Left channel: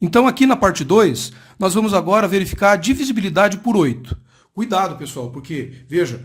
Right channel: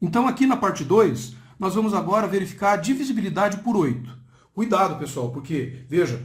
Então aqui na parte 2, nós vamos agora verificar a divisibilidade por 8. Cuidado, pessoal, porque, veja,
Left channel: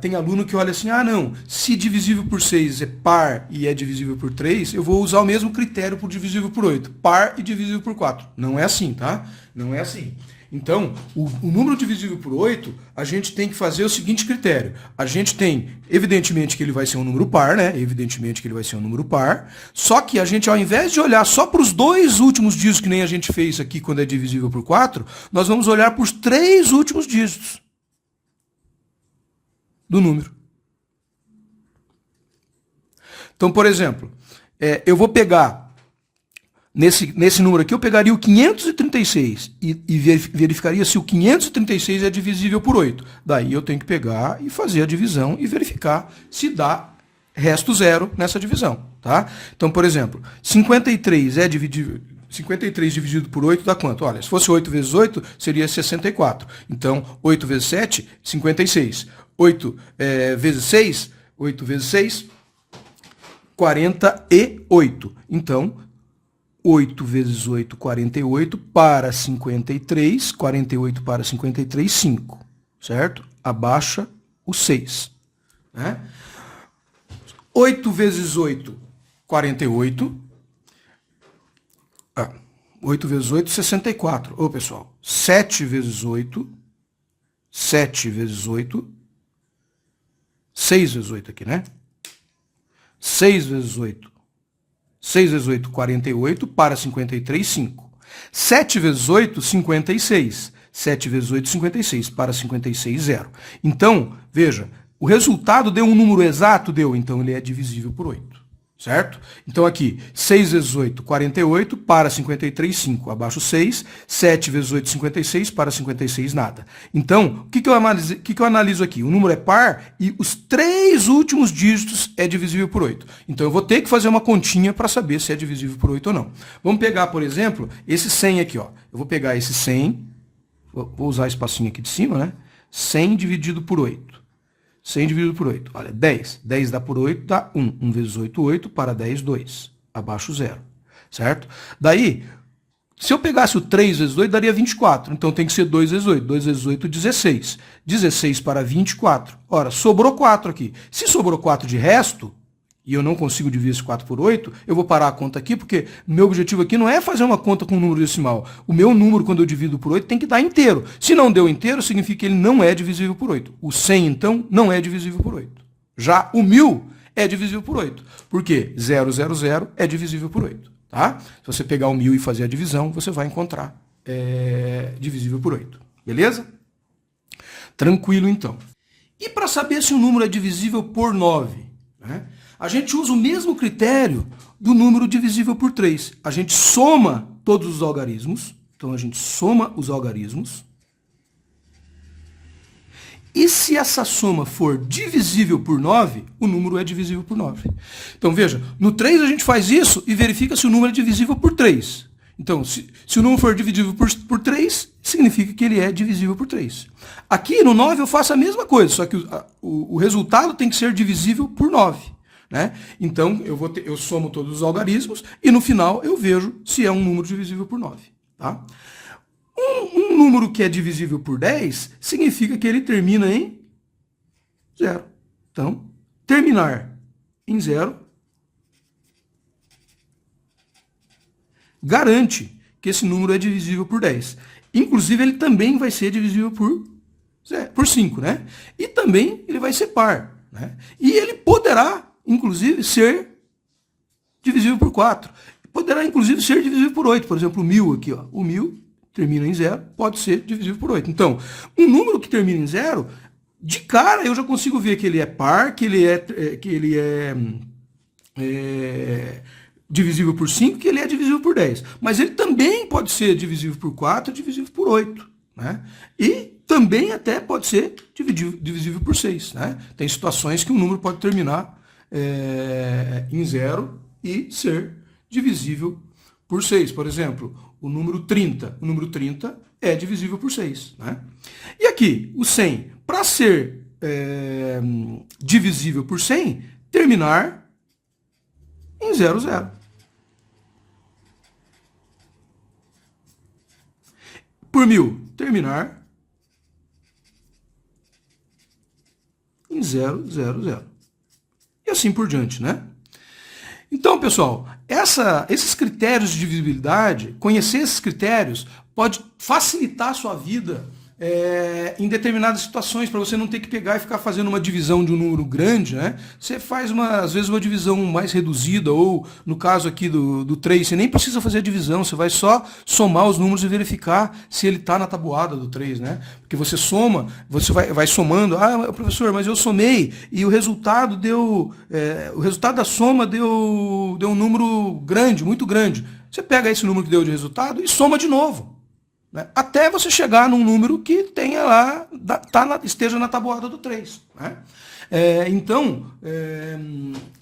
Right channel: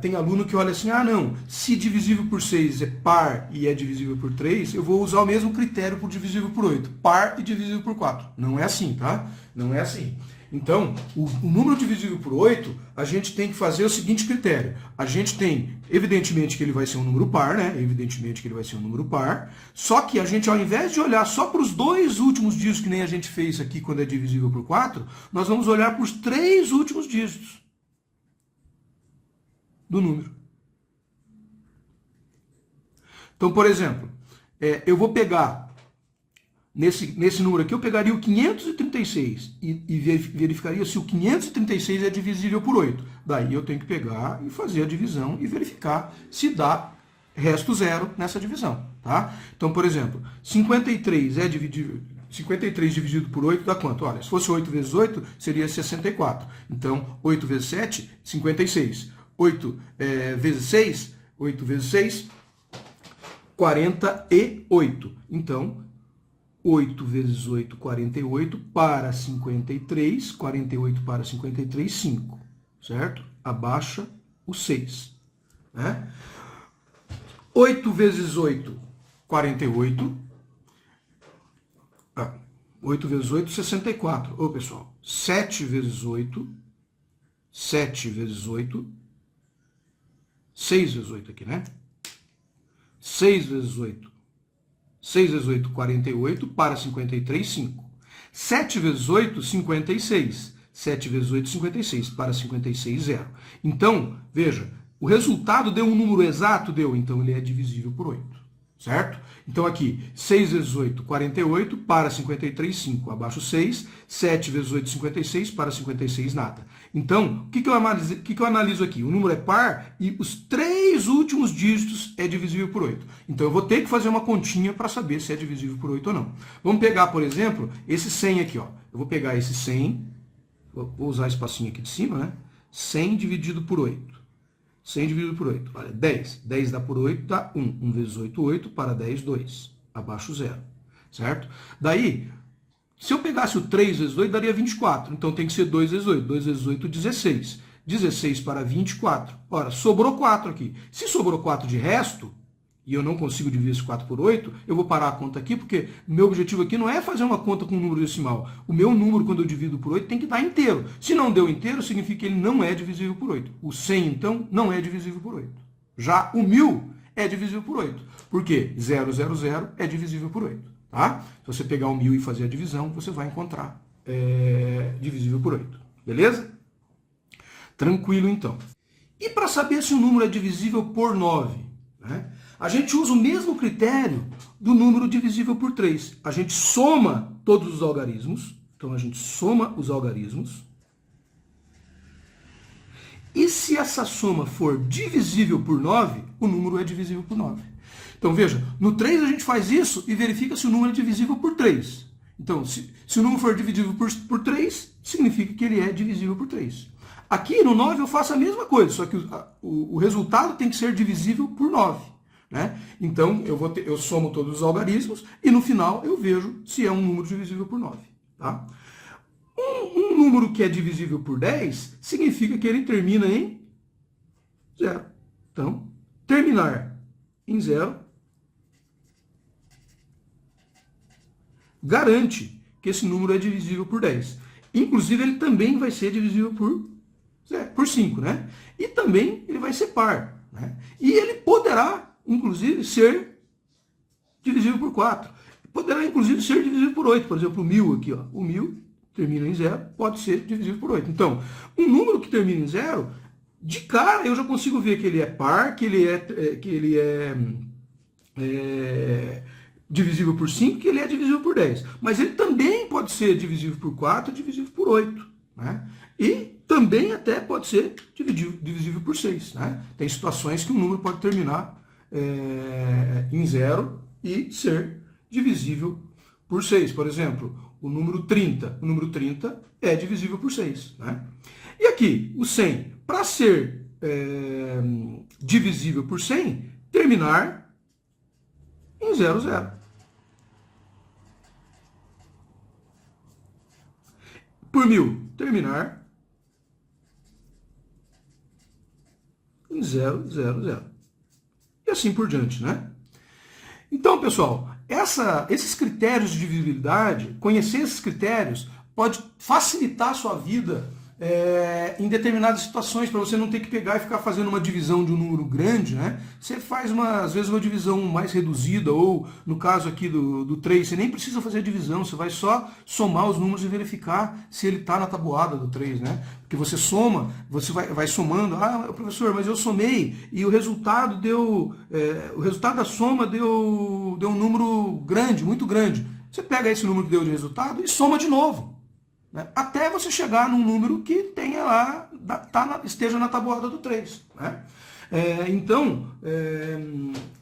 tem aluno que olha assim, ah não, se divisível por 6 é par e é divisível por 3, eu vou usar o mesmo critério para o divisível por 8, par e divisível por 4. Não é assim, tá? Não é assim. Então, o número divisível por 8, a gente tem que fazer o seguinte critério. A gente tem, evidentemente, que ele vai ser um número par, né? Evidentemente que ele vai ser um número par. Só que a gente, ao invés de olhar só para os dois últimos dígitos, que nem a gente fez aqui quando é divisível por 4, nós vamos olhar para os 3 últimos dígitos do número. Então, por exemplo, eu vou pegar, nesse número aqui, eu pegaria o 536 e verificaria se o 536 é divisível por 8. Daí eu tenho que pegar e fazer a divisão e verificar se dá resto zero nessa divisão. Tá? Então, por exemplo, 53 é dividível... 53 dividido por 8 dá quanto? Olha, se fosse 8 vezes 8, seria 64. Então, 8 vezes 7, 56. 8 vezes 6, 8 vezes 6, 48. Então, 8 vezes 8, 48, para 53, 48 para 53, 5, certo? Abaixa o 6. Né? 8 vezes 8, 48. 8 vezes 8, 64. Ô, pessoal, 7 vezes 8, 7 vezes 8, 6 vezes 8 aqui, né? 6 vezes 8. 6 vezes 8, 48, para 53, 5. 7 vezes 8, 56. 7 vezes 8, 56, para 56, 0. Então, veja, o resultado deu um número exato? Deu, então ele é divisível por 8. Certo? Então aqui, 6 vezes 8, 48, para 53, 5. Abaixo 6, 7 vezes 8, 56, para 56, nada. Então, o que eu analiso aqui? O número é par e os 3 últimos dígitos é divisível por 8. Então eu vou ter que fazer uma continha para saber se é divisível por 8 ou não. Vamos pegar, por exemplo, esse 100 aqui. Ó. Eu vou pegar esse 100, vou usar esse espacinho aqui de cima, né? 100 dividido por 8. 100 dividido por 8. Olha, 10. 10 dá por 8, dá 1. 1 vezes 8, 8. Para 10, 2. Abaixo 0. Certo? Daí, se eu pegasse o 3 vezes 2, daria 24. Então tem que ser 2 vezes 8. 2 vezes 8, 16. 16 para 24. Ora, sobrou 4 aqui. Se sobrou 4 de resto, e eu não consigo dividir esse 4 por 8, eu vou parar a conta aqui, porque meu objetivo aqui não é fazer uma conta com um número decimal. O meu número, quando eu divido por 8, tem que dar inteiro. Se não deu inteiro, significa que ele não é divisível por 8. O 100, então, não é divisível por 8. Já o 1000 é divisível por 8. Por quê? 000 é divisível por 8. Tá? Se você pegar o 1000 e fazer a divisão, você vai encontrar divisível por 8. Beleza? Tranquilo, então. E para saber se o número é divisível por 9, né? A gente usa o mesmo critério do número divisível por 3. A gente soma todos os algarismos. Então, a gente soma os algarismos. E se essa soma for divisível por 9, o número é divisível por 9. Então, veja, no 3 a gente faz isso e verifica se o número é divisível por 3. Então, se o número for divisível por 3, significa que ele é divisível por 3. Aqui no 9 eu faço a mesma coisa, só que o resultado tem que ser divisível por 9. Né? Então, eu somo todos os algarismos e no final eu vejo se é um número divisível por 9. Tá? Um número que é divisível por 10 significa que ele termina em 0. Então, terminar em 0 garante que esse número é divisível por 10. Inclusive, ele também vai ser divisível por 5. Né? E também ele vai ser par. Né? E ele poderá inclusive, ser divisível por 4. Poderá, inclusive, ser divisível por 8. Por exemplo, o 1000 aqui. Ó. O 1000 termina em 0, pode ser divisível por 8. Então, um número que termina em 0, de cara eu já consigo ver que ele é par, que ele é divisível por 5, que ele é divisível por 10. Mas ele também pode ser divisível por 4, divisível por 8. Né? E também até pode ser divisível por 6. Né? Tem situações que um número pode terminar em 0 e ser divisível por 6. Por exemplo, o número 30. O número 30 é divisível por 6. Né? E aqui, o 100, para ser divisível por 100, terminar em 00. por 1000? Terminar em 0, 0, 0. E assim por diante, né? Então, pessoal, esses critérios de divisibilidade, conhecer esses critérios pode facilitar a sua vida em determinadas situações, para você não ter que pegar e ficar fazendo uma divisão de um número grande, né? Você faz, às vezes, uma divisão mais reduzida, ou no caso aqui do 3, você nem precisa fazer a divisão, você vai só somar os números e verificar se ele está na tabuada do 3, né? Porque você soma, você vai somando, professor, mas eu somei e o resultado o resultado da soma deu um número grande, muito grande. Você pega esse número que deu de resultado e soma de novo, né? Até você chegar num número que tenha lá, esteja na tabuada do 3. Né? Então,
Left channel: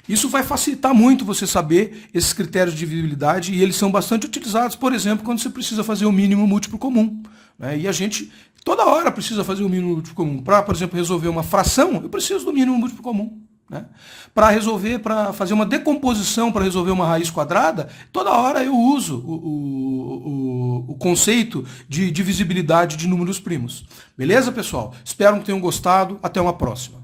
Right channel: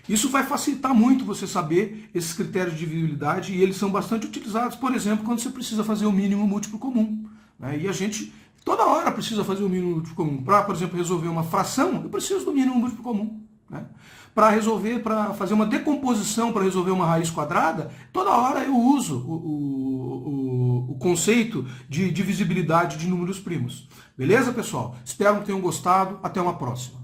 isso vai facilitar muito você saber esses critérios de divisibilidade, e eles são bastante utilizados, por exemplo, quando você precisa fazer o mínimo múltiplo comum. Né? E a gente toda hora precisa fazer o mínimo múltiplo comum. Para, por exemplo, resolver uma fração, eu preciso do mínimo múltiplo comum. Né? Para fazer uma decomposição, para resolver uma raiz quadrada, toda hora eu uso o conceito de divisibilidade de números primos. Beleza, pessoal? Espero que tenham gostado. Até uma próxima.